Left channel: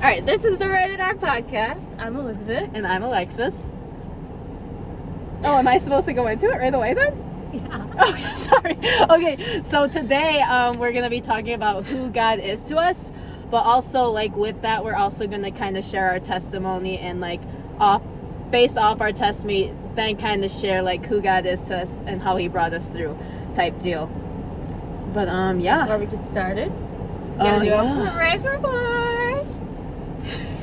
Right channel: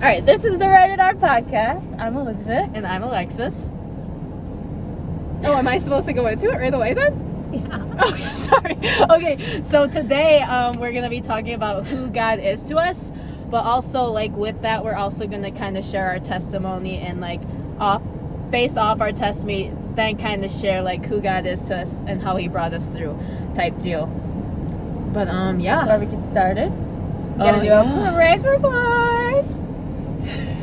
All right, this is the Rated R podcast. I'm Elizabeth. And I'm Alexis. Oh, am I supposed to go into it right away then? Yeah. Oh, sorry. Okay, so today we're going to be talking about who God is to us, but also like with that, we're also going to kind of share our testimony and like based off our testimony, then kind of share like who God is to us and how he brought us through type deal. But yeah. Before we get started, we're going to do a praise report.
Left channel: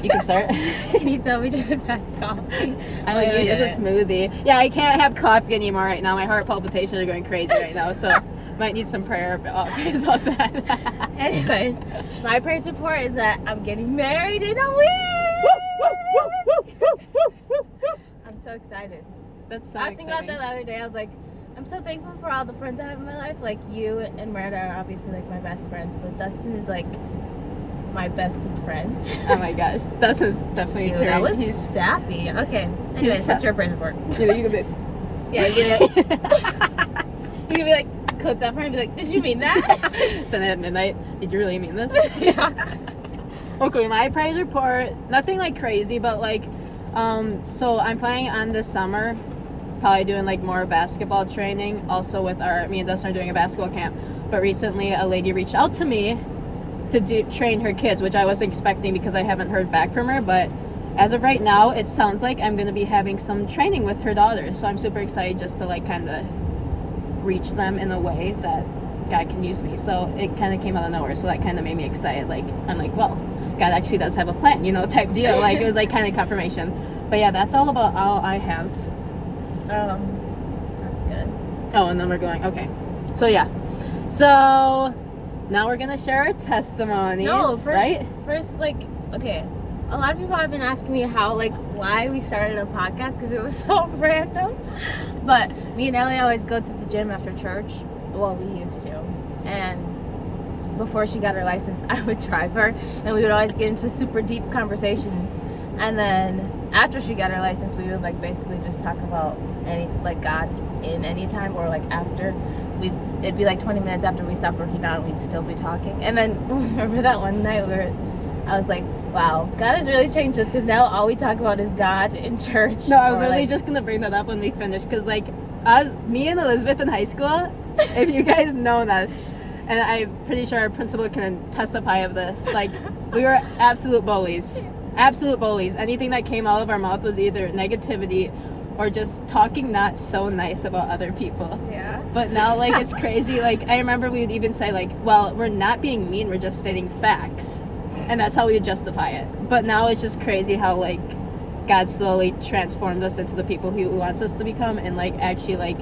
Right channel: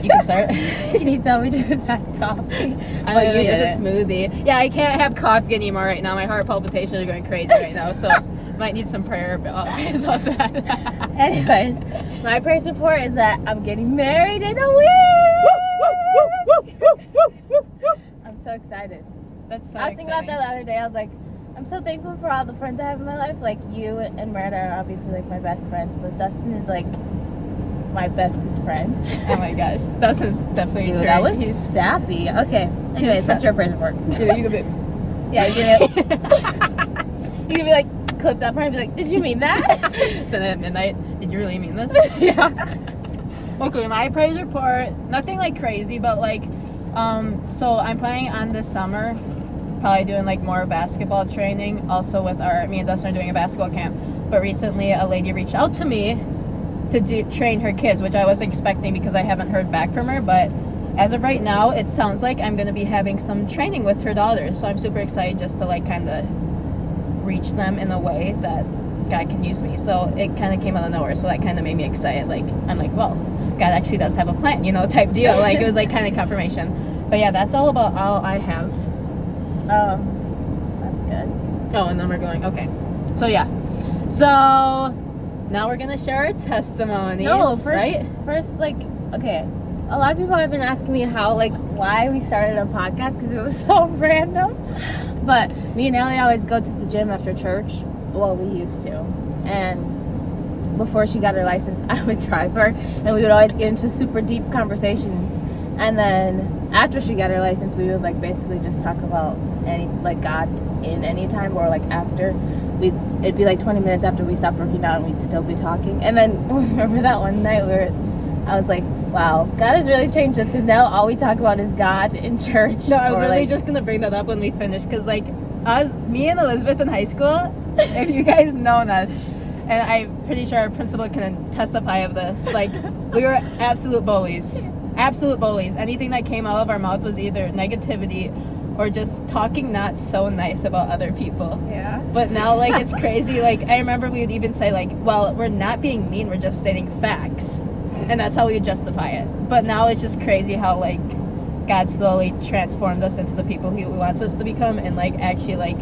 You can start. Can you tell we just had coffee? I know, it's a smoothie. Yeah, I can't have coffee anymore right now. My heart palpitations are going crazy right now, so might need some prayer based off that. Anyways, my praise report is that I'm getting married in a week. I'm so excited. That's so I was thinking about that the other day. I was like, I'm so thankful for all the friends I have in my life. Like you and Merida are obviously like my best friends, but Dustin is like my bestest friend. Oh my gosh, Dustin's definitely Dude, that was sappy. Okay. Anyways, what's your praise report? You can be. Yeah, you can be like, clip that part and be like, did you mean that? Send it at midnight. Did you really mean this? Yeah. Okay, my praise report, nothing like crazy, but like, so I'm planning on this summer, probably doing like more basketball training. Also with me and Dustin are doing a basketball camp. But recently a lady reached out to me to train her kids, which I was expecting because I haven't heard back from her. But as of right now, it sounds like I'm going to be having some training with her daughters. So I'm super excited just to like kind of reach them in a way that God can use me. So it kind of came out of nowhere. So that kind of made me excited. Like, I'm like, well, God actually does have a plan, type deal. Like, it was like kind of confirmation. But yeah, that's all I have. That's good. Oh, and then we're going, okay. So yeah. So now we're going to share our testimonies, right? First, like, okay. A lot of people have been asking me why we started a podcast because it was so random. But me and Ellie always go to the gym after church. Well, we used to. And before she got her license, I would drive her, and we would always get into super deep conversations. And then after she got her license, we would like basically just talk about God in any time, or like after it'd be like 20 minutes after we stopped working out, and we'd still be talking. And then remember that one night I was like, wow, God has really changed us, because now all we talk about is God in church. No, I was literally just gonna bring that up when we finish, because like me and Elizabeth in high school, if you guys known us, and I'm pretty sure our principal can testify of this, like we were absolute bullies. Anything that came out of our mouth was either negativity or just talking not so nice about other people. Yeah. But now, like, it's crazy. Like, I remember we would even say, like, well, we're not being mean, we're just stating facts. And that's how we would justify it. But now it's just crazy how, like, God slowly transformed us into the people He wants us to become, and, like, actually, like,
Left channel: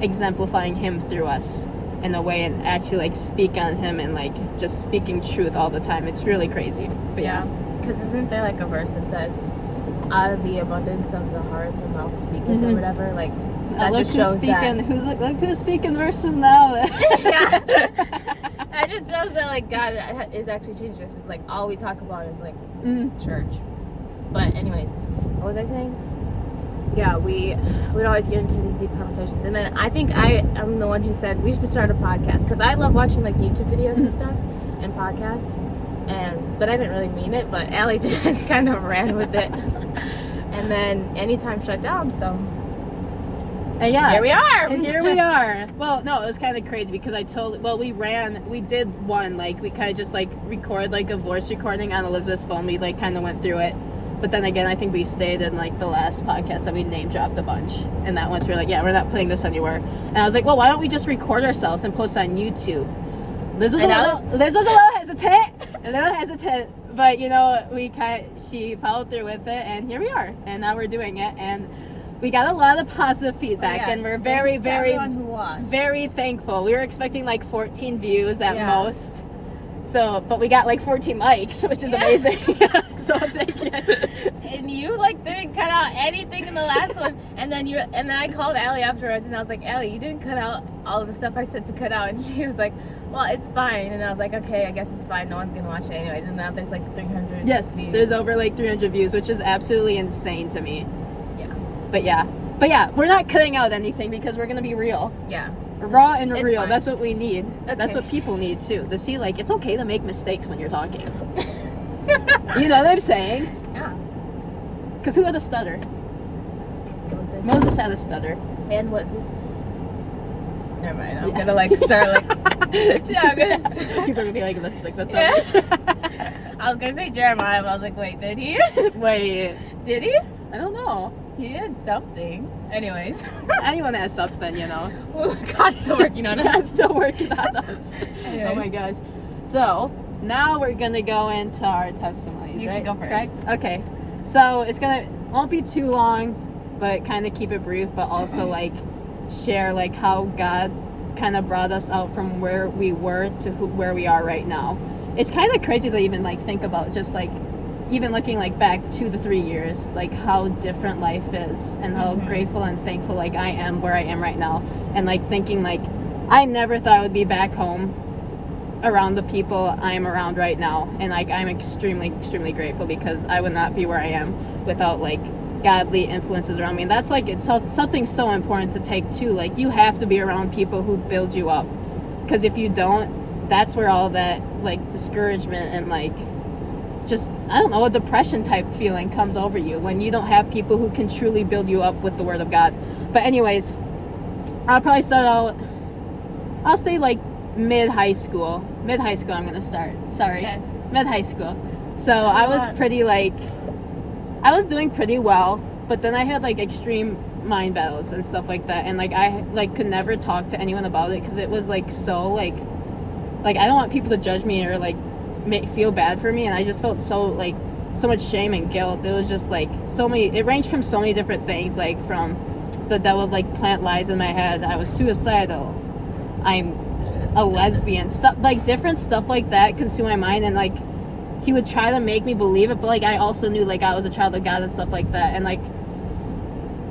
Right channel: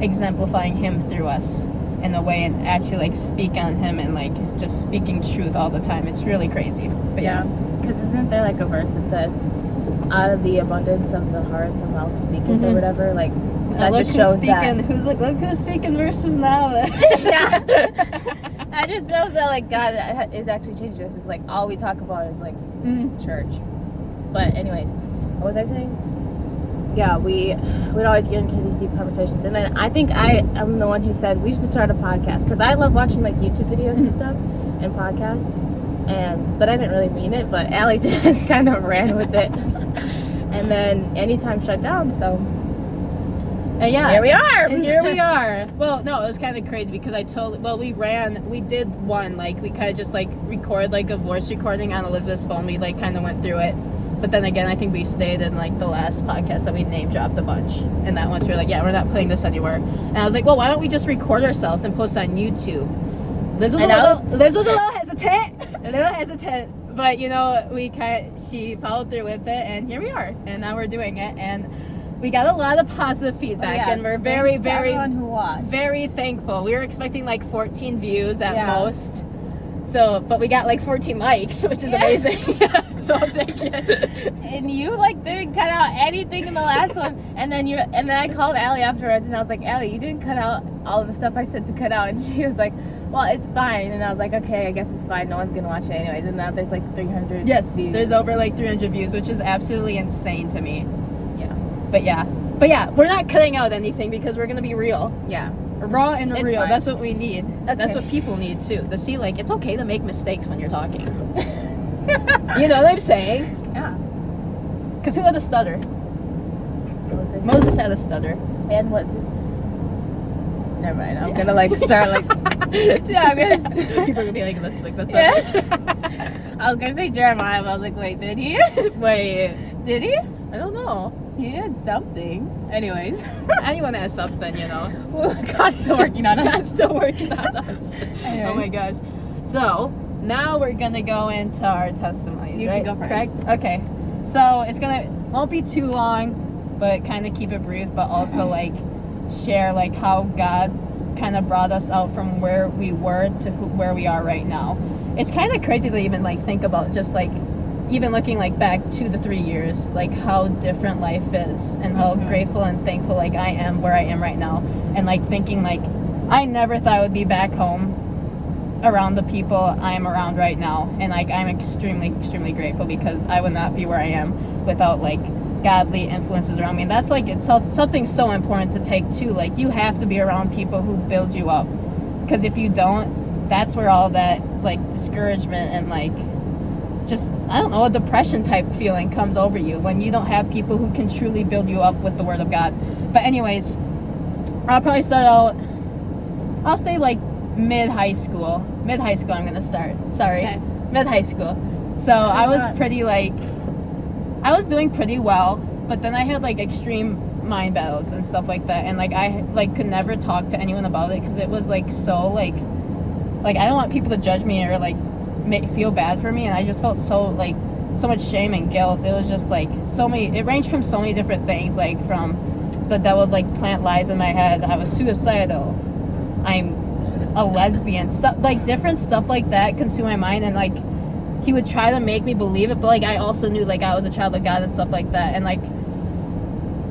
exemplifying Him through us in a way, and actually, like, speak on Him and, like, just speaking truth all the time. It's really crazy. But yeah. Because isn't there, like, a verse that says, out of the abundance of the heart, the mouth speaketh, or whatever? Like, that just shows that. Look who's speaking verses now. Yeah. That just shows that, like, God is actually changing us. It's like, all we talk about is, like, church. But anyways, what was I saying? Yeah, we'd always get into these deep conversations. And then I think I'm the one who said we should start a podcast. Because I love watching, like, YouTube videos and stuff and podcasts. But I didn't really mean it, but Allie just kind of ran with it. And then Anytime shut down, so yeah, here we are. Well, no, it was kind of crazy because we did one, like, we kind of just like record like a voice recording on Elizabeth's phone. We like kind of went through it, but then again, I think we stayed in like the last podcast that we name dropped a bunch, and that once we were like, yeah, we're not putting this anywhere. And I was like, well, why don't we just record ourselves and post on YouTube? Liz was a little hesitant, but she followed through with it, and here we are, and now we're doing it, and we got a lot of positive feedback, and we're very, very, very thankful. We were expecting like 14 views at most, but we got like 14 likes, which is amazing. So I'll take it. And you like didn't cut out anything in the last one, and then I called Allie afterwards, and I was like, Allie, you didn't cut out all the stuff I said to cut out, and she was like, well, it's fine. And I was like, okay, I guess it's fine. No one's going to watch it anyways. And now there's like 300 views. There's over like 300 views, which is absolutely insane to me. Yeah. But yeah, we're not cutting out anything because we're going to be real. Yeah. Raw and real. Fine. That's what we need. Okay. That's what people need too. To see, like, it's okay to make mistakes when you're talking. You know what I'm saying? Yeah. Because who had a stutter? Moses. Moses had a stutter. And what's he? Never mind. I'm Yeah. gonna like start like. Yeah, I'm gonna. People are gonna be like, the Yeah. stutters. I was gonna say Jeremiah, but I was like, wait, did he? Wait, Did he? I don't know. He did something. Anyways. Anyone has something, you know. God's still working on us. God's still working on us. Anyways. Oh my gosh. So now we're gonna go into our testimonies. You right? can go first. Correct? Okay. So it's won't be too long, but kind of keep it brief, but also like share like how God kind of brought us out from where we were to where we are right now. It's kind of crazy to even like think about just like even looking like back 2 to 3 years, like how different life is and how grateful and thankful like I am where I am right now, and like thinking like I never thought I would be back home around the people I am around right now, and like I'm extremely grateful because I would not be where I am without like godly influences around me. And that's like it's something so important to take too. Like you have to be around people who build you up, because if you don't, that's where all that like discouragement and like just I don't know, a depression type feeling comes over you when you don't have people who can truly build you up with the word of God. But anyways, I'll probably start out, I'll say like mid-high school I'm gonna start. Sorry. Okay. Mid-high school. So I was pretty like, I was doing pretty well, but then I had like extreme mind battles and stuff like that, and like I like could never talk to anyone about it because it was like so like I don't want people to judge me or like feel bad for me, and I just felt so much shame and guilt. It was just like so many, it ranged from so many different things, like from the devil would like plant lies in my head. I was suicidal, I'm a lesbian, stuff like different stuff like that consume my mind, and like he would try to make me believe it, but like I also knew like I was a child of God and stuff like that, and like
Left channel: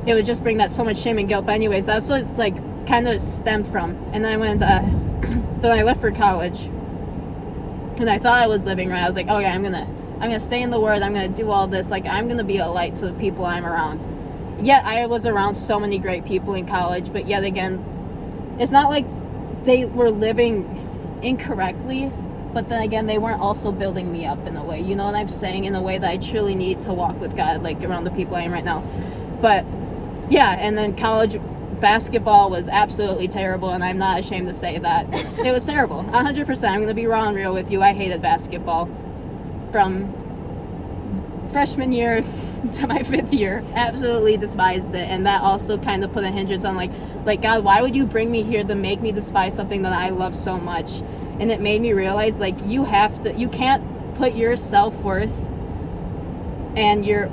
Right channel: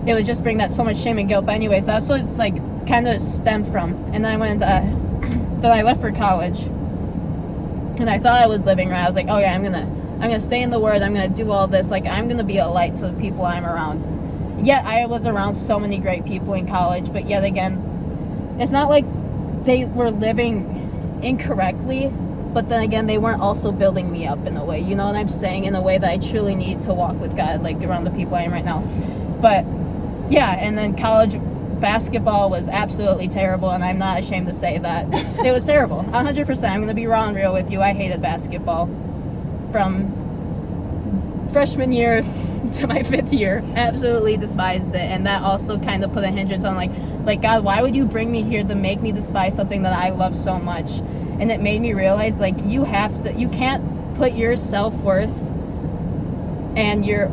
it would just bring that so much shame and guilt. But anyways, that's what it's like kind of stemmed from. And then I went then I left for college, and I thought I was living right. I was like, oh yeah, I'm gonna stay in the word, I'm gonna do all this, like I'm gonna be a light to the people I'm around. Yet I was around so many great people in college, but yet again, it's not like they were living incorrectly, but then again, they weren't also building me up in a way, you know what I'm saying, in a way that I truly need to walk with God, like around the people I am right now. But yeah, and then college basketball was absolutely terrible, and I'm not ashamed to say that. It was terrible, 100%. I'm gonna be raw and real with you. I hated basketball from freshman year to my 5th year. Absolutely despised it, and that also kind of put a hindrance on like God, why would you bring me here to make me despise something that I love so much? And it made me realize like you can't put your self-worth and your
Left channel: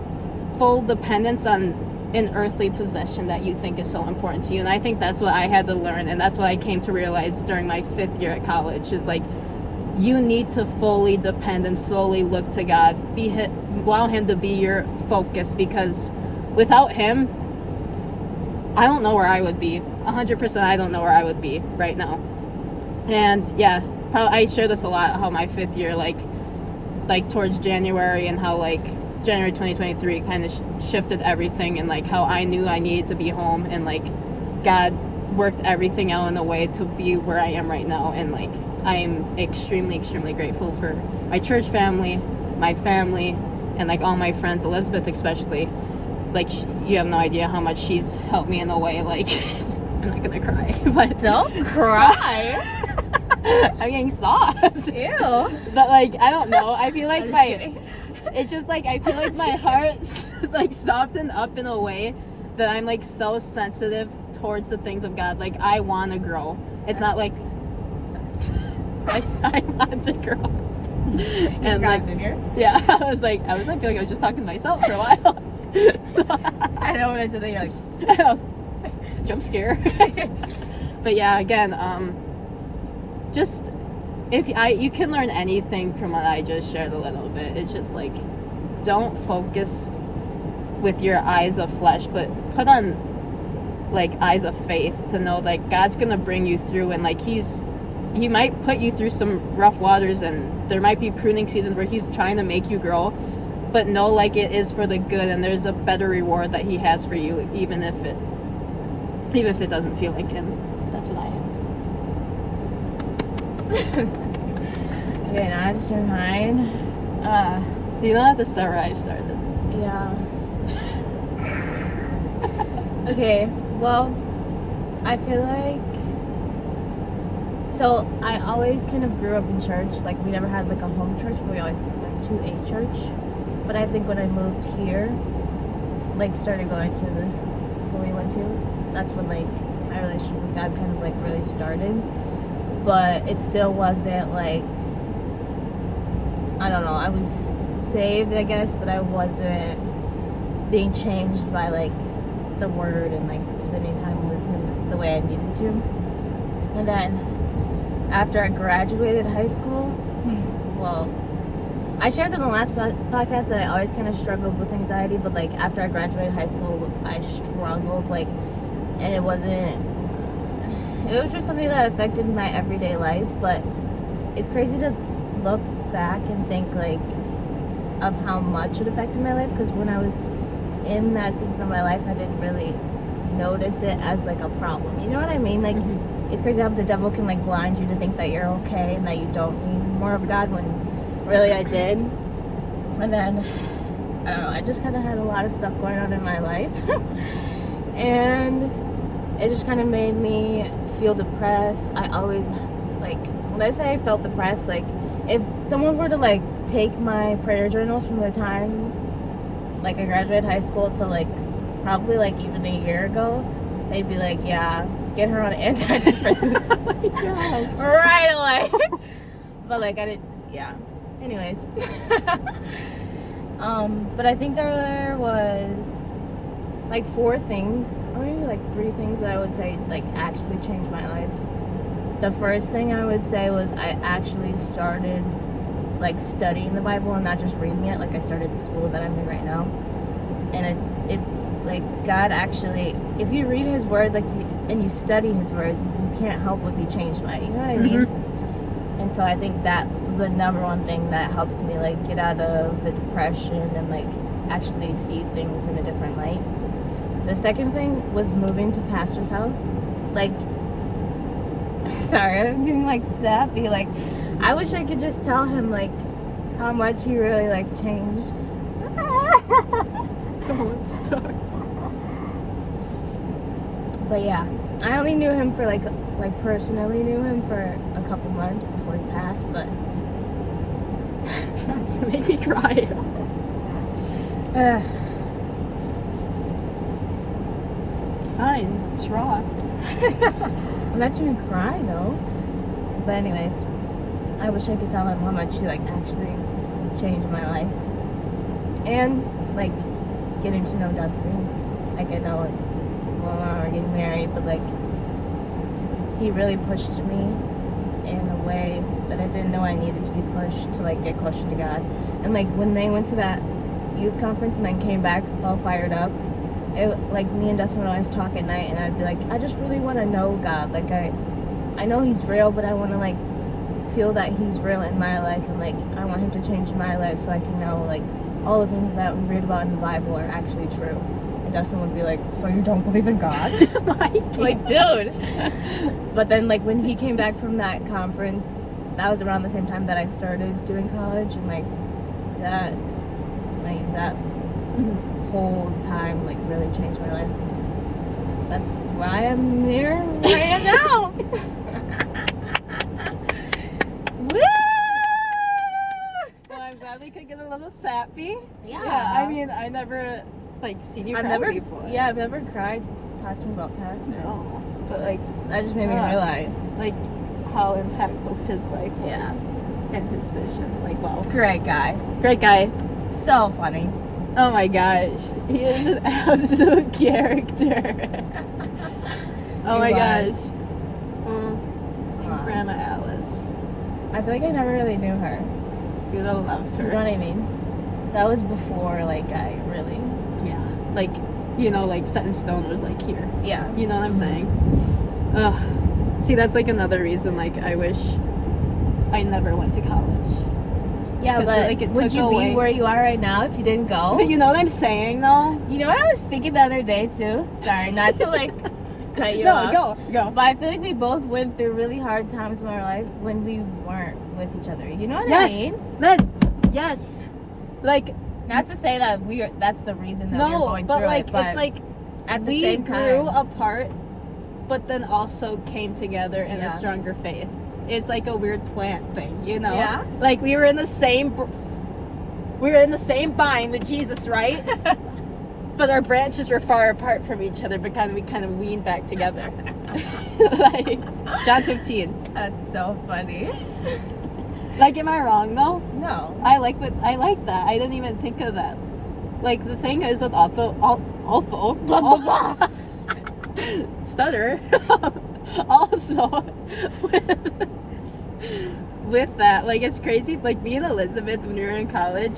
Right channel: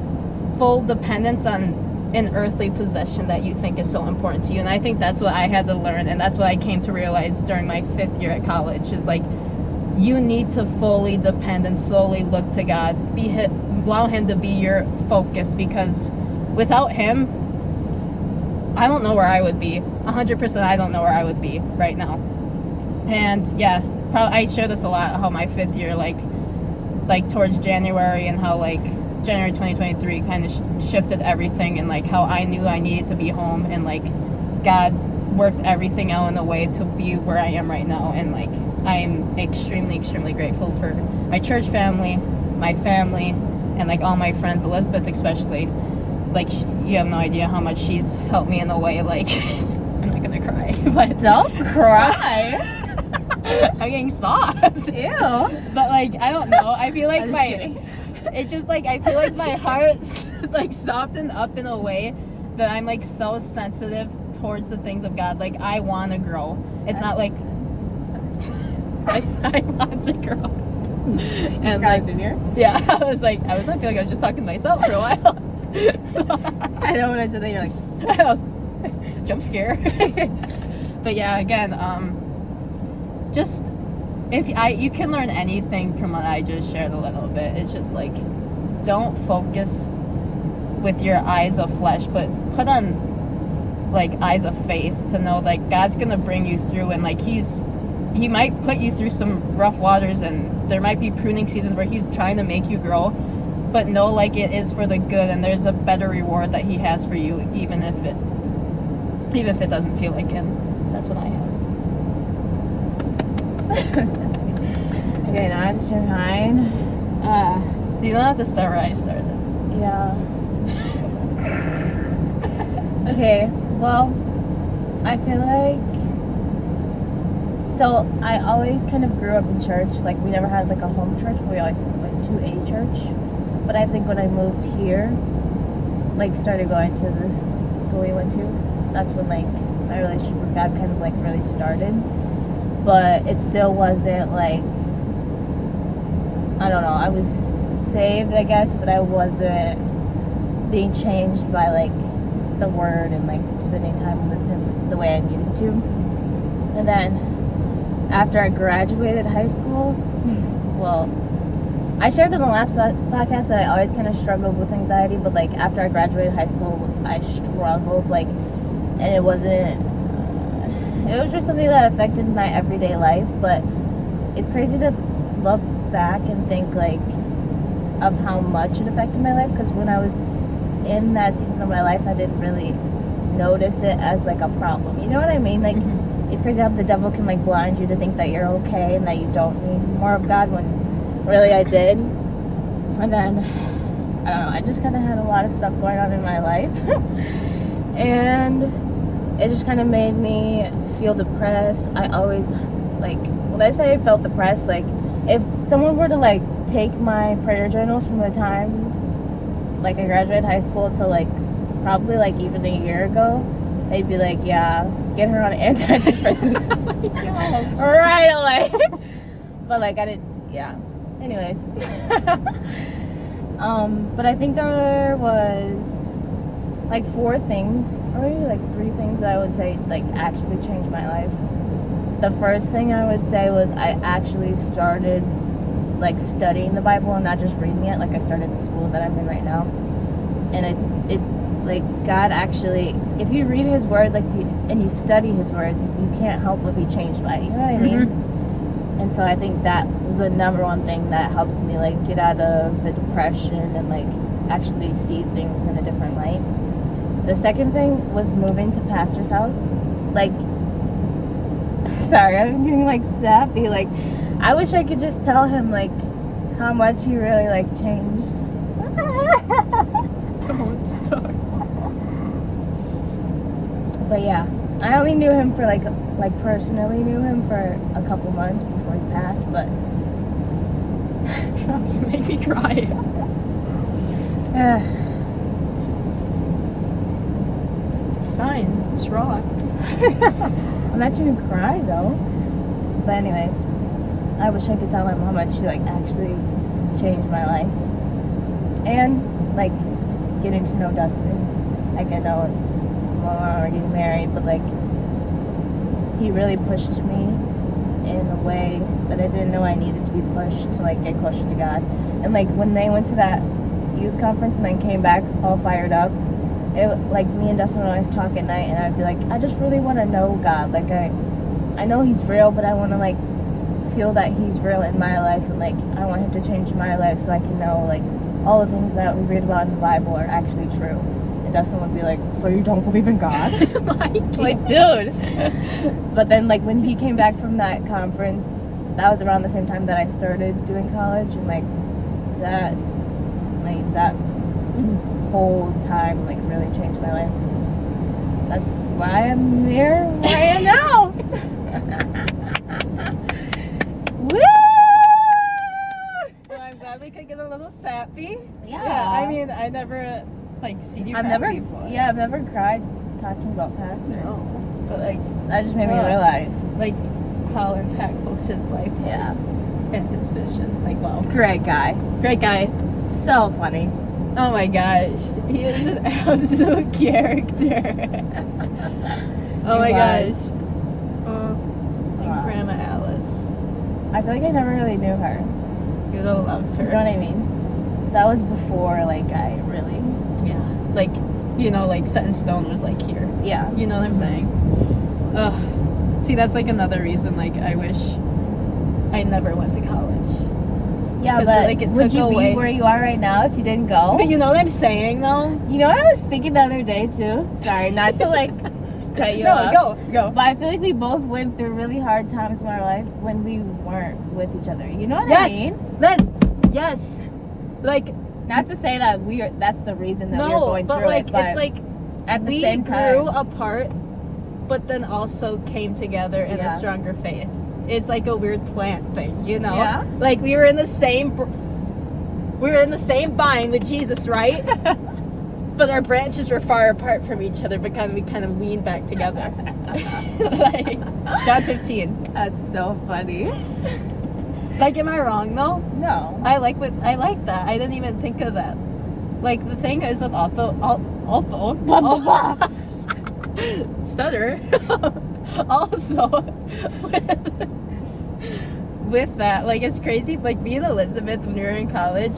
full dependence on an earthly possession that you think is so important to you. And I think that's what I had to learn, and that's what I came to realize during my 5th year at college, is like you need to fully depend and slowly look to God, allow him to be your focus, because without him, I don't know where I would be. 100% I don't know where I would be right now. And yeah, I share this a lot, how my 5th year like towards January, and how like January 2023 kind of shifted everything, and like how I knew I needed to be home, and like God worked everything out in a way to be where I am right now. And like I'm extremely grateful for my church family, my family, and like all my friends, Elizabeth especially. Like you have no idea how much she's helped me in a way, like I'm not gonna cry, but Don't cry. I'm getting soft. Ew. But like I don't know, I feel like kidding. it's just like I feel like my heart's like softened up in a way that I'm like so sensitive towards the things of God. Like I want to grow. It's not like I want to grow. And like in here. yeah, I was like I feel like I was just talking to myself for a while. I know when I said that, you're like, I was, jump scare. But yeah, again, just you can learn anything from what I just shared a little bit. It's just like, don't focus with your eyes of flesh, but put on like eyes of faith to know like God's gonna bring you through, and like he might put you through some rough waters, and there might be pruning seasons where he's trying to make you grow, but know like it is for the good, and there's a better reward that he has for you, even if it doesn't feel like him. That's what I have. Okay, now I'm sharing mine. You don't have to start where I started. Yeah. Okay, well, I feel like, so I always kind of grew up in church. Like, we never had like a home church, but we always went to a church. But I think when I moved here, like started going to this school we went to, that's when like my relationship with God kind of like really started. But it still wasn't like, I don't know, I was saved, I guess, but I wasn't being changed by like the word and like spending time with him the way I needed to. And then after I graduated high school, well, I shared in the last podcast that I always kind of struggled with anxiety, but like after I graduated high school, I struggled, like, and it was just something that affected my everyday life. But it's crazy to look back and think like of how much it affected my life, because when I was in that season of my life, I didn't really notice it as like a problem. You know what I mean? Like, it's crazy how the devil can like blind you to think that you're okay and that you don't need more of God, when really I did. And then I don't know, I just kind of had a lot of stuff going on in my life and it just kind of made me feel depressed. I always, like, when I say I felt depressed, like if someone were to like take my prayer journals from the time like I graduated high school to like probably like even a year ago, they'd be like, yeah, get her on antidepressants. Oh right away. But like I didn't, yeah, anyways. But I think there was like 4 things, or maybe like 3 things that I would say like actually changed my life. The first thing I would say was I actually started like studying the Bible and not just reading it. Like I started the school that I'm in right now, and it's like God actually, if you read His Word and you study His Word, you can't help but be changed by it. You know what I mean? And so I think that was the number one thing that helped me like get out of the depression and like actually see things in a different light. The second thing was moving to pastor's house. Like, sorry, I'm getting like sappy. Like, I wish I could just tell him like how much he really like changed. Don't start. But yeah, I only knew him for like personally knew him for a couple months before he passed. But you make me cry. It's fine. It's raw. I'm not gonna cry though. But anyways, I wish I could tell him how much he like actually changed my life. And like getting to know Dustin. Like I know we're already married, but like he really pushed me in a way that I didn't know I needed to be pushed to like get closer to God. And like when they went to that youth conference and then came back all fired up, it like me and Dustin would always talk at night, and I'd be like, I just really want to know God. Like I know He's real, but I want to like feel that He's real in my life, and like I want Him to change my life so I can know like all the things that we read about in the Bible are actually true. And Dustin would be like, so you don't believe in God? Like, dude. But then like when he came back from that conference, that was around the same time that I started doing college, and like that whole time like really changed my life. That's why I'm here where I am now. Woo! Well, I'm glad we could get a little sappy. Yeah. I mean, I never like seen you I've cry never before. Yeah, I've never cried talking about pastor. No. But like That just made me realize. like how impactful his life was. Yeah. And his vision. Like, wow. Great guy. Great guy. So funny. Oh my gosh. He is an absolute character. Oh my gosh. Oh, Wow. Grandma Alice. I feel like I never really knew her. You would have loved You know her. what I mean? That was before like I really. Yeah. Like, you know, like Set in Stone was like here. Yeah. You know what I'm saying? Ugh. See, that's like another reason, like, I wish I never went to college. Yeah, 'Cause, but like, it would took you away- be where you are right now if you didn't go? But you know what I'm saying, though? You know what I was thinking the other day too? Sorry, not to like cut you off. Go. But I feel like we both went through really hard times in our life when we weren't with each other. You know what I Yes. mean? Yes. Like, Not to say that that's the reason that we're no, going but through like, it, but it's like at the we same grew time, apart, but then also came together in a stronger faith. It's like a weird plant thing, you know? Yeah. Like we were in the same vine with Jesus, right? But our branches were far apart from each other, but we kind of leaned back together. Like John 15. That's so funny. Like, am I wrong though? No. I like that. I didn't even think of that. Like the thing is with stutter. Also with that, like it's crazy. Like me and Elizabeth when we were in college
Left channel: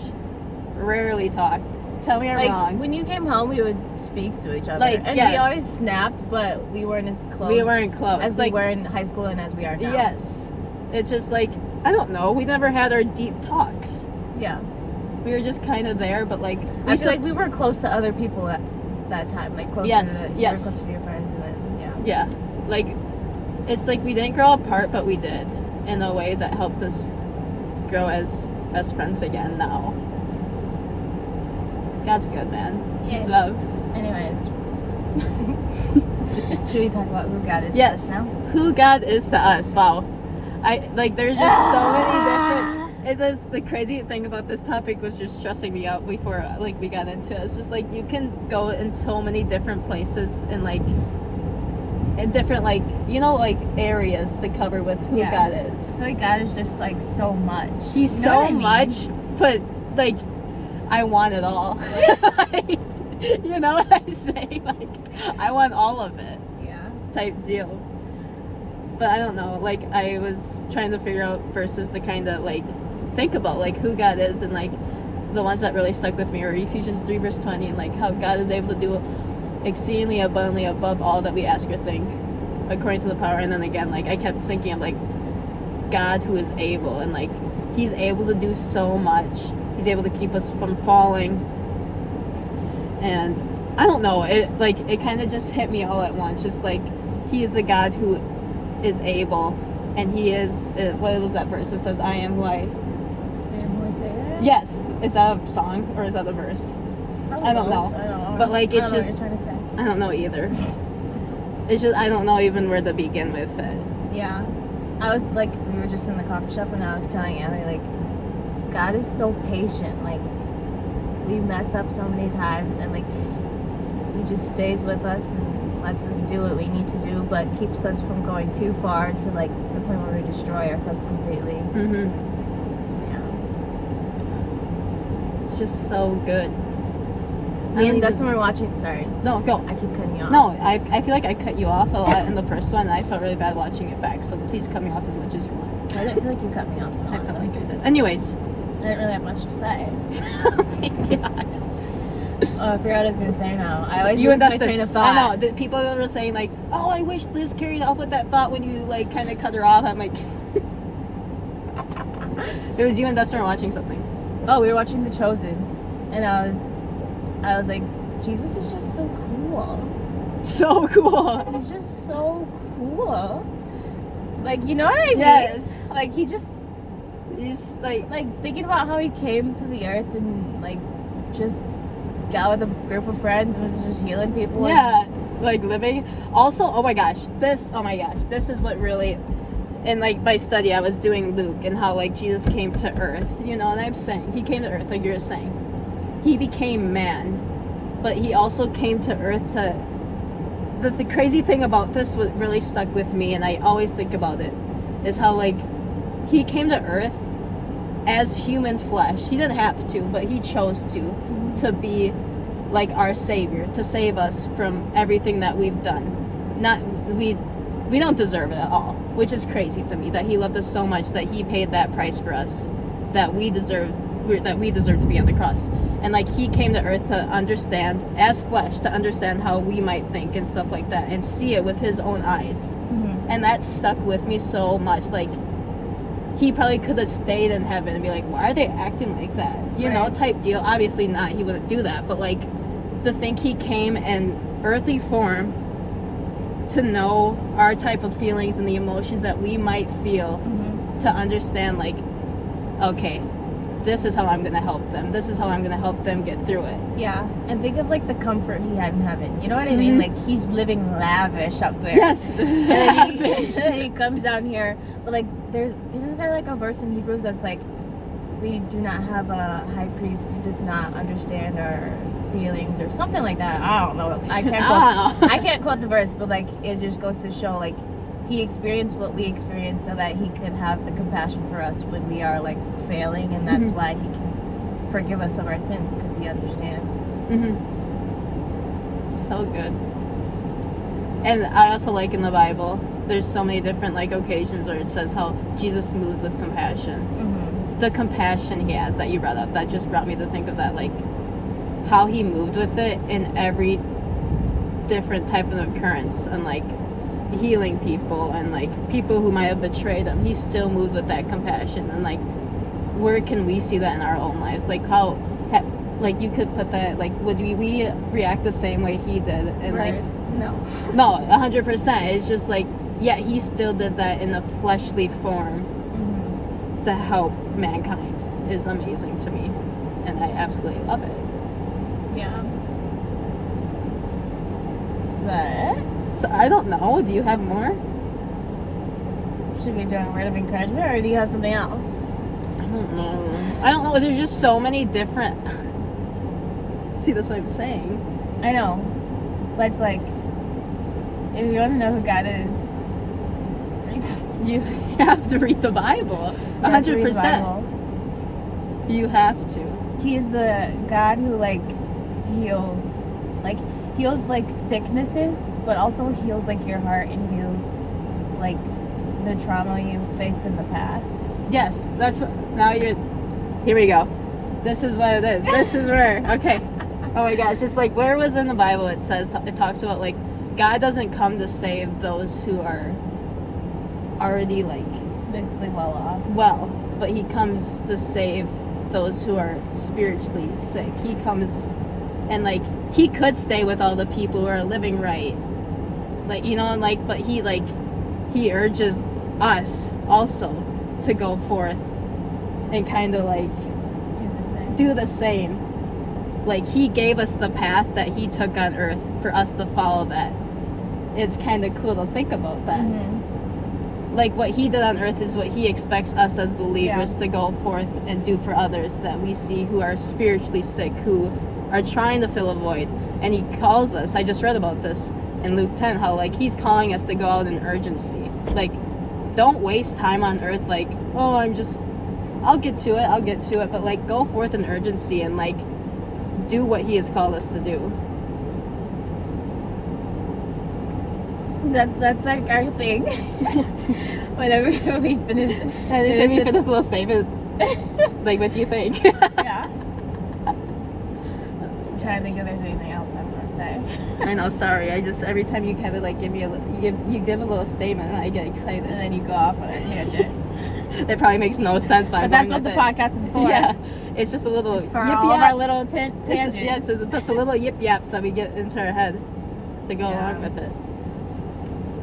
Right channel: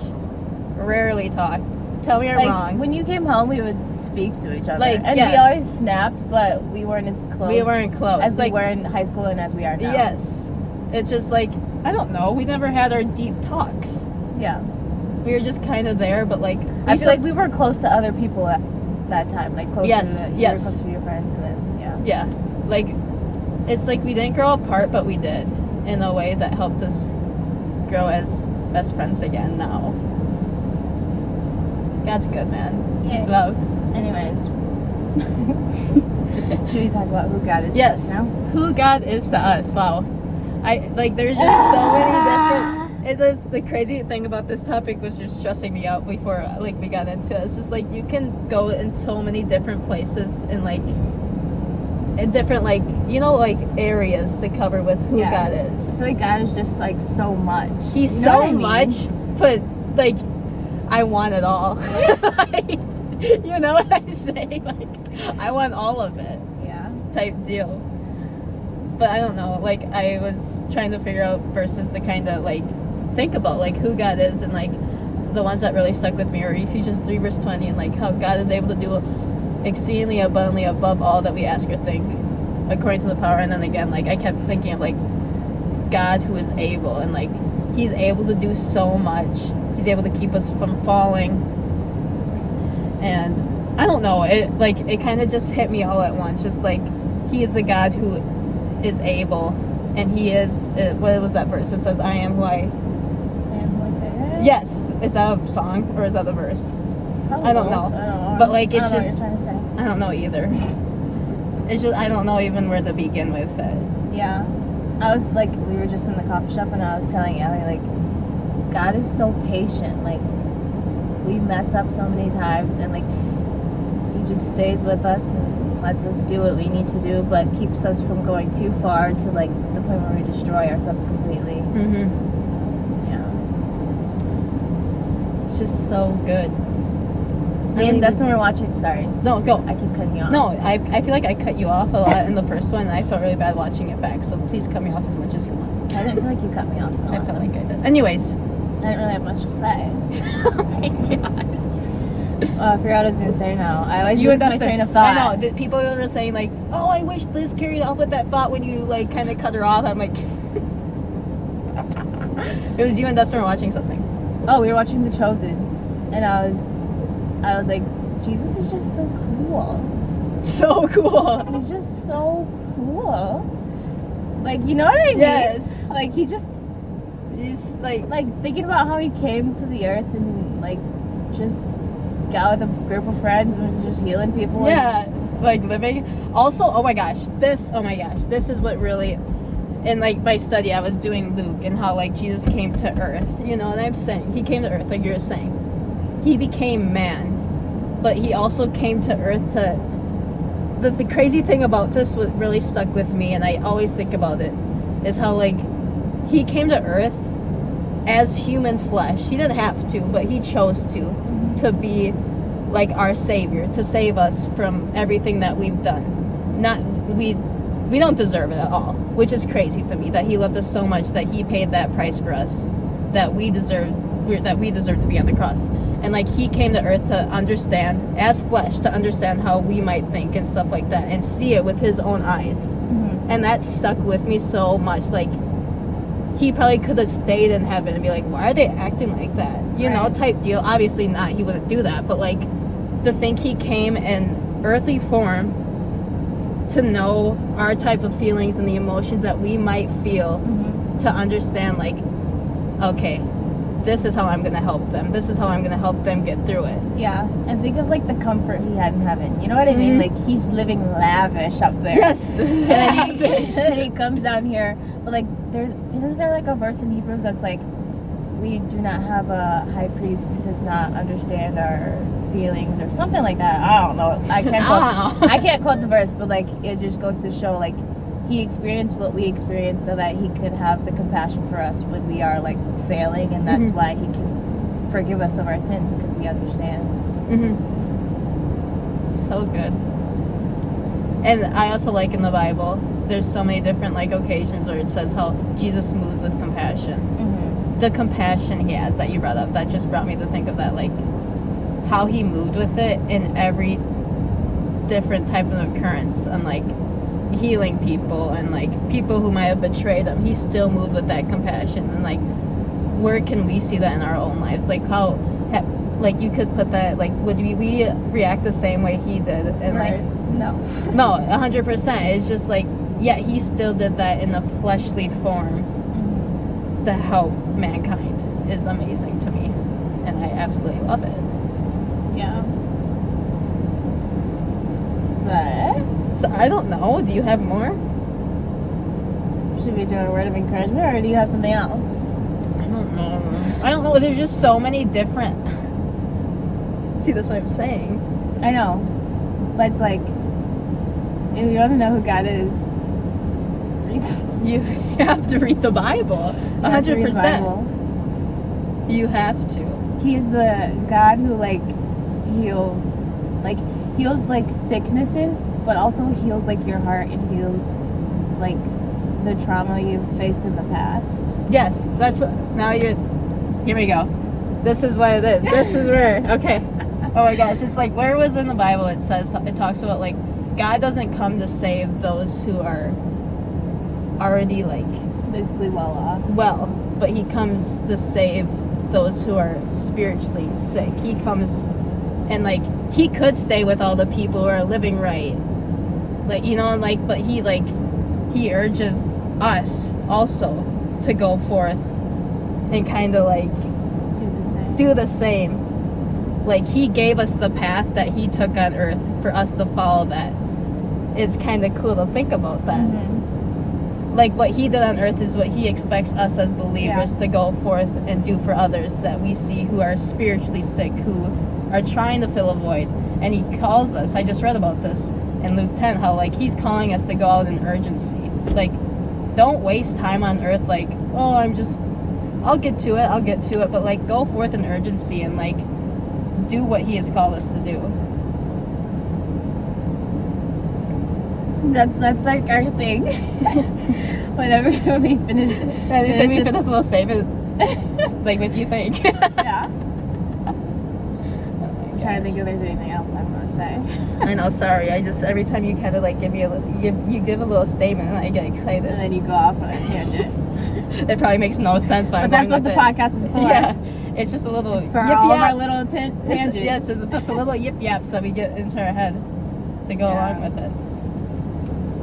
rarely talked. Tell me I'm wrong. When you came home, we would speak to each other. Like, and yes. we always snapped, but we weren't as close. We weren't close. As like, we were in high school and as we are now. Yes. It's just like, I don't know. We never had our deep talks. Yeah. We were just kind of there, but like... I feel like we were close to other people at that time. Like, close yes, to you yes. were close to your friends. And then, yeah. Yeah. Like, it's like we didn't grow apart, but we did. In a way that helped us grow as best friends again now. God's good, man. Yeah. Love. Anyways. Should we talk about who God is Yes. now? Who God is to us. Wow. There's just so many different... The crazy thing about this topic was just stressing me out before, like, we got into it. It's just, like, you can go in so many different places and, like, in different, like, you know, like, areas to cover with who God is. I feel like God is just, like, so much. He's You know so what I mean? much, but, like, I want it all. Like, you know what I'm saying? Like, I want all of it. Yeah. Type deal. But I don't know, like, I was trying to figure out verses to kind of, like, think about, like, who God is, and, like, the ones that really stuck with me are Ephesians 3 verse 20, and, like, how God is able to do exceedingly abundantly above all that we ask or think, according to the power. And then again, like, I kept thinking of, like, God who is able, and, like, he's able to do so much. He's able to keep us from falling. And I don't know, it kind of just hit me all at once, just like, he is a God who is able, and he is, what was that verse? It says, I am who I... Yes. Is that a song, or is that a verse? I don't know. But, like, it's just... I don't know either. It's just, I don't know even where to begin with it. Yeah. I was, like, we were just in the coffee shop, and I was telling Allie, like, God is so patient. Like, we mess up so many times, and, like, he just stays with us and lets us do what we need to do, but keeps us from going too far to, like, the point where we destroy ourselves completely. Mm-hmm. Yeah. It's just so good. Me and Dustin were watching... Sorry. No, go. I keep cutting you off. No, I feel like I cut you off a lot in the first one, and I felt really bad watching it back, so please cut me off as much as you want. I didn't feel like you cut me off. I felt like I did. Anyways. I didn't really have much to say. Oh my gosh. I forgot what I was going to say now. I always You lose and my Dustin. train of thought. I know. The people were saying, like, oh, I wish Liz carried off with that thought when you, like, kind of cut her off. I'm like... It was you and Dustin were watching something. Oh, we were watching The Chosen. And I was like, Jesus is just so cool. So cool. He's just so cool. Like, you know what I mean? Yes. Like, he's like thinking about how he came to the earth and, like, just got with a group of friends and was just healing people. Yeah, like living. Also, oh my gosh, this is what really... In, like, my study, I was doing Luke and how, like, Jesus came to earth, you know, and I'm saying, he came to earth, like you're saying. He became man, but he also came to earth to... The crazy thing about this, what really stuck with me, and I always think about it, is how, like, he came to earth as human flesh. He didn't have to, but he chose to be, like, our savior, to save us from everything that we've done. We don't deserve it at all, which is crazy to me, that he loved us so much that he paid that price for us, that we deserve to be on the cross. And, like, he came to earth to understand, as flesh, to understand how we might think and stuff like that, and see it with his own eyes. Mm-hmm. And that stuck with me so much. Like, he probably could have stayed in heaven and be like, why are they acting like that? You know, type deal. Obviously not, he wouldn't do that, but, like, to think he came in earthly form to know our type of feelings and the emotions that we might feel, to understand, like, okay, this is how I'm going to help them. This is how I'm going to help them get through it. Yeah, and think of like the comfort he had in heaven. You know what I mean? Like he's living lavish up there. Yes, And lavish. then he comes down here. But like, isn't there like a verse in Hebrews that's like, we do not have a high priest who does not understand our feelings or something like that. I don't know. I can't quote the verse, but like it just goes to show like he experienced what we experienced so that he could have the compassion for us when we are like failing, and that's why he can forgive us of our sins, because he understands. So good. And I also like in the Bible, there's so many different like occasions where it says how Jesus moved with compassion. The compassion he has that you brought up, that just brought me to think of that, like how he moved with it in every different type of occurrence, and like healing people and like people who might have betrayed him. He still moved with that compassion. And like, where can we see that in our own lives? Like how like you could put that, like would we react the same way he did? And Right. like No, 100%. It's just like, yeah, he still did that in a fleshly form to help mankind. Is amazing to me, and I absolutely love it. yeah. Is that it? So I don't know, do you have more? Should we do a word of encouragement, or do you have something else? I don't know, there's just so many different see, that's what I'm saying. I know. But it's like, if you want to know who God is, You have to read the Bible. 100%. You have to. He is the God who like heals like sicknesses, but also heals like your heart, and heals like the trauma you've faced in the past. Yes, that's now you're. Here we go. This is what it is. This is where. Okay. Oh my gosh! It's like, where was in the Bible it says, it talks about like God doesn't come to save those who are already like Basically well off. well, but he comes to save those who are spiritually sick. He comes and like he could stay with all the people who are living right, like, you know, like, but he urges us also to go forth and kind of like do the same. Like he gave us the path that he took on earth for us to follow that. It's kind of cool to think about that. Like what he did on earth is what he expects us as believers to go forth and do for others that we see who are spiritually sick, who are trying to fill a void. And he calls us, I just read about this in Luke 10, how like he's calling us to go out in urgency. Like, don't waste time on earth like, oh, I'll get to it, but like go forth in urgency and like do what he has called us to do. That's like our thing. Whenever we finish. I think that we finish a little statement. Like, what do you think? Yeah. I'm trying to think if there's anything else I'm gonna say. I know, sorry. I just, every time you kind of like give me you give a little statement, I get excited. And then you go off on a tangent. It probably makes no sense, but I'm But going that's what with the it. podcast is for. Yeah, it's just a little It's for yip all of our yap. little tangents. Yeah, so put the little yip yaps that we get into our head to go along with it.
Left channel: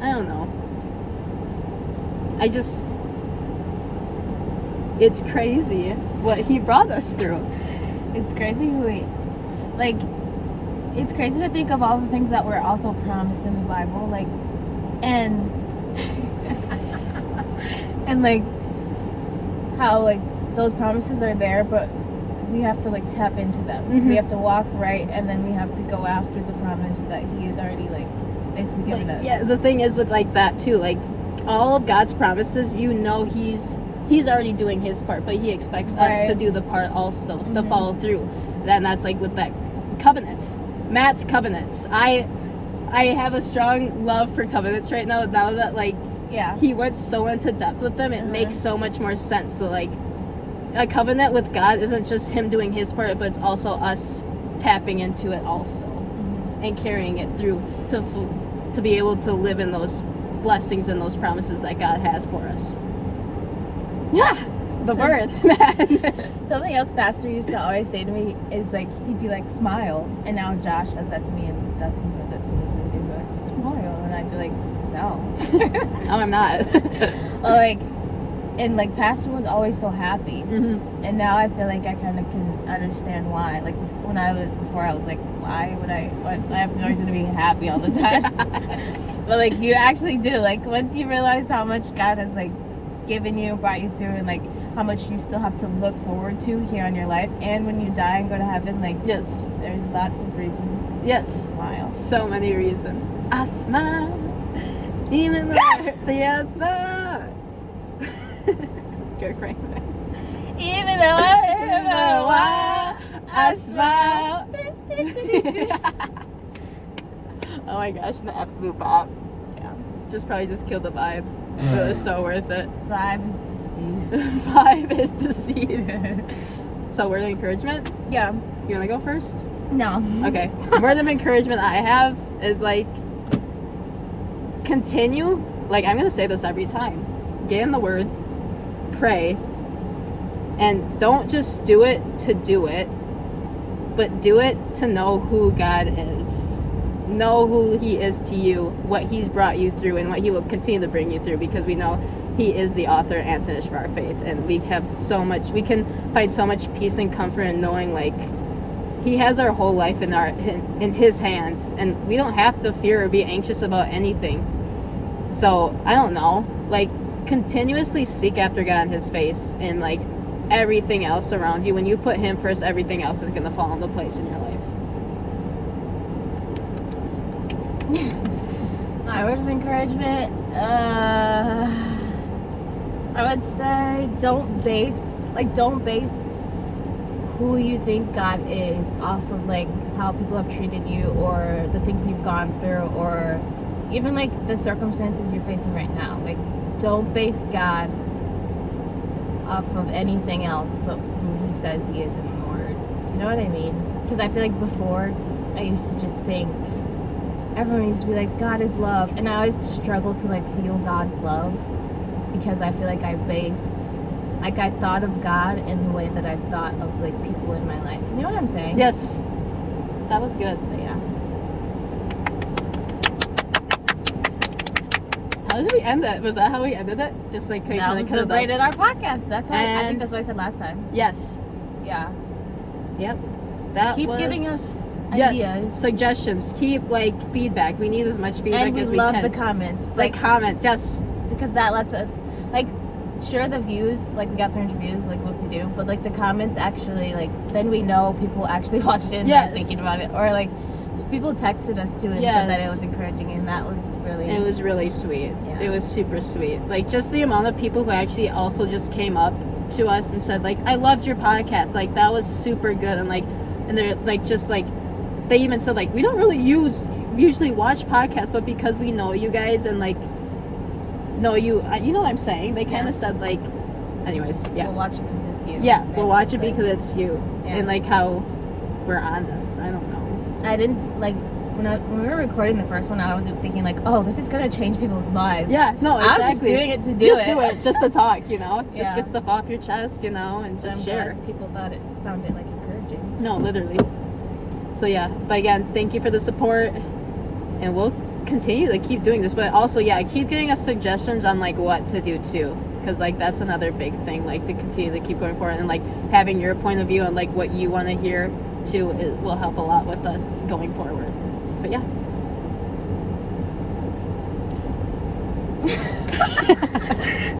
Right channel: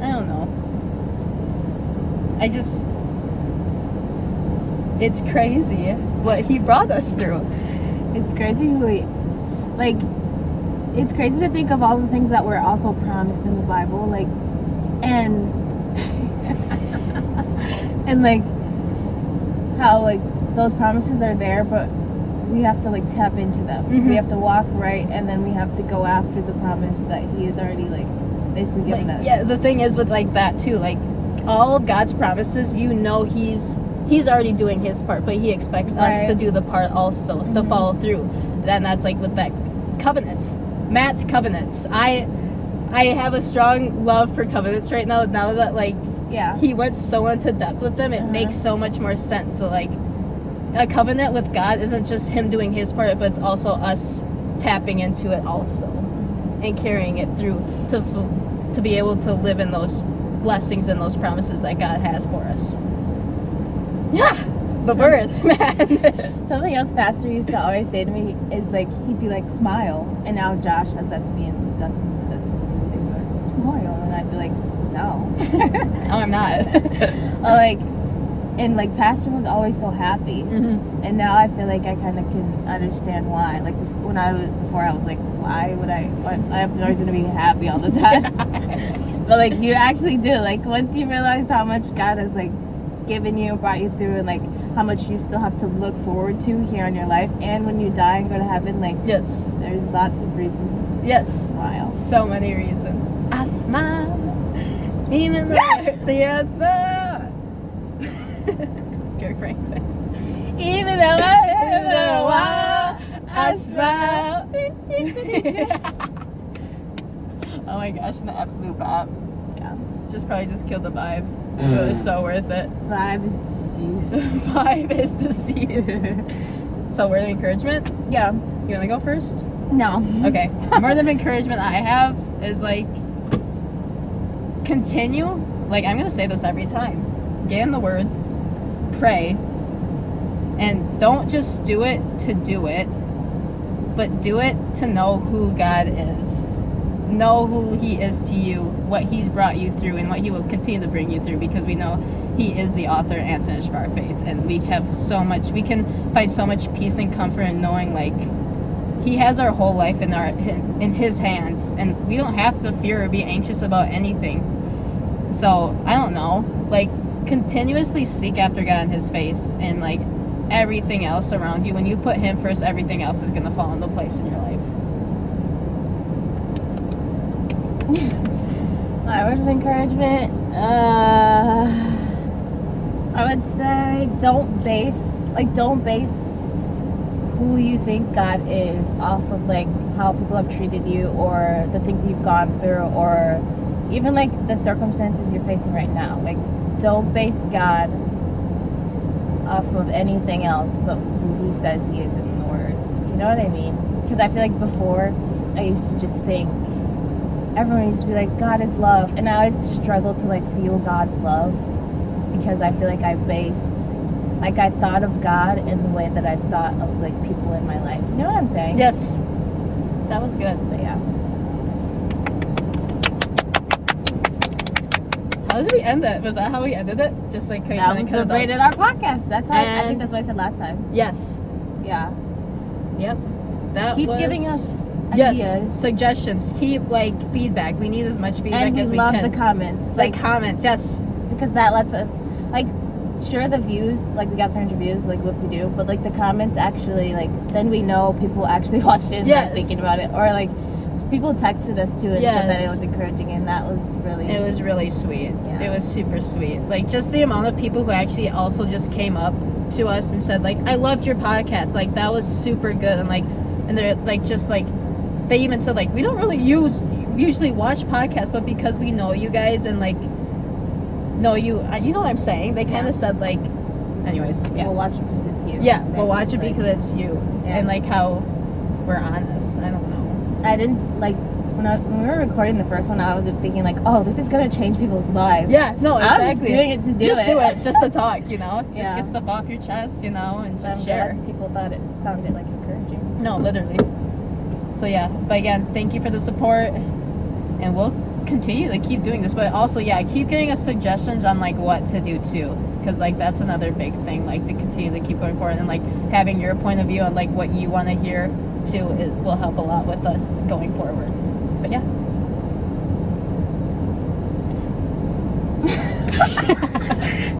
I don't know. It's crazy what he brought us through. It's crazy it's crazy to think of all the things that were also promised in the Bible, like, and and like how like those promises are there, but we have to like tap into them. We have to walk right, and then we have to go after the promise that he has already like basically given us. Yeah, the thing is with like that too, like all of God's promises, you know, he's already doing his part, but he expects us to do the part also, to follow through. Then that's like with that covenants, Matt's covenants. I have a strong love for covenants right now that like he went so into depth with them, it makes so much more sense. So like a covenant with God isn't just him doing his part, but it's also us tapping into it also and carrying it through to be able to live in those blessings and those promises that God has for us. Yeah, the word, man. Something else Pastor used to always say to me is like, he'd be like, smile. And now Josh says that to me, and Dustin says that to me too. He'd be like, smile. And I'd be like, no. No, I'm not. Well, like, And like Pastor was always so happy, Mm-hmm. and now I feel like I kind of can understand why. Like before I was like, why would I? I'm always gonna be happy all the time. But like you actually do. Like once you realize how much God has like given you, brought you through, and like how much you still have to look forward to here on your life, and when you die and go to heaven, like Yes. there's lots of reasons. Yes. Smile. So many reasons. I smile. Even though it hurts, yeah, I smile. Go crazy. Even though I have a while, I smile. Oh my gosh, an absolute bop. Yeah. Just probably just killed the vibe. But it was so worth it. Vibes. Vibe is deceased. So word of encouragement? Yeah. You wanna go first? No. Okay. Word of encouragement I have is like continue. Like I'm gonna say this every time. Get in the word, pray, and don't just do it to do it, but do it to know who God is. Know who He is to you, what He's brought you through, and what He will continue to bring you through, because we know He is the author and finisher of our faith, and we have so much, we can find so much peace and comfort in knowing like He has our whole life in His hands, and we don't have to fear or be anxious about anything. So I don't know, like continuously seek after God and His face, and like everything else around you. When you put Him first, everything else is gonna fall into place in your life. My word of encouragement, I would say don't base who you think God is off of like how people have treated you, or the things you've gone through, or even like the circumstances you're facing right now. Like don't base God off of anything else but who He says He is in the Word. You know what I mean? Because I feel like before I used to just think everyone used to be like, God is love, and I always struggled to like feel God's love, because I feel like I thought of God in the way that I thought of like people in my life. You know what I'm saying? Yes, that was good. But yeah. How did we end it? Was that how we ended it? Just like That was the braid in our podcast. That's how I think And- that's what I said last time. Yes. Yeah. Yep. That Keep was... giving us Yes, ideas. suggestions. Keep like feedback. We need as much feedback And we as we love can. the comments. Like comments, yes. Because that lets us, like, sure, the views, like we got 300 views, like what to do, but like the comments actually, like, then we know people actually watched it and Yes. are thinking about it, or like people texted us too and said that it Yes. was encouraging, and that was really. It was really sweet. Yeah. It was super sweet. Like just the amount of people who actually also just came up to us and said like, I loved your podcast. Like that was super good. And they're like, just like, they even said like, we don't really usually watch podcasts, but because we know you guys and like know you know what I'm saying? They kind of said like, anyways, yeah. We'll watch it because it's you. Yeah, we'll watch it because it's you. Yeah. And like how we're honest. I don't know. I didn't, like, when we were recording the first one, I wasn't thinking like, oh, this is going to change people's lives. Yeah, no, exactly. I was just doing it to do just it. do it, just to talk, you know? Just Yeah. get stuff off your chest, you know, and just I'm share. glad people found it like encouraging. No, literally. So yeah, but again, thank you for the support, and we'll continue to keep doing this. But also, yeah, keep giving us suggestions on like what to do too, because like that's another big thing. Like to continue to keep going forward, and like having your point of view on like what you want to hear too, it will help a lot with us going forward. But yeah.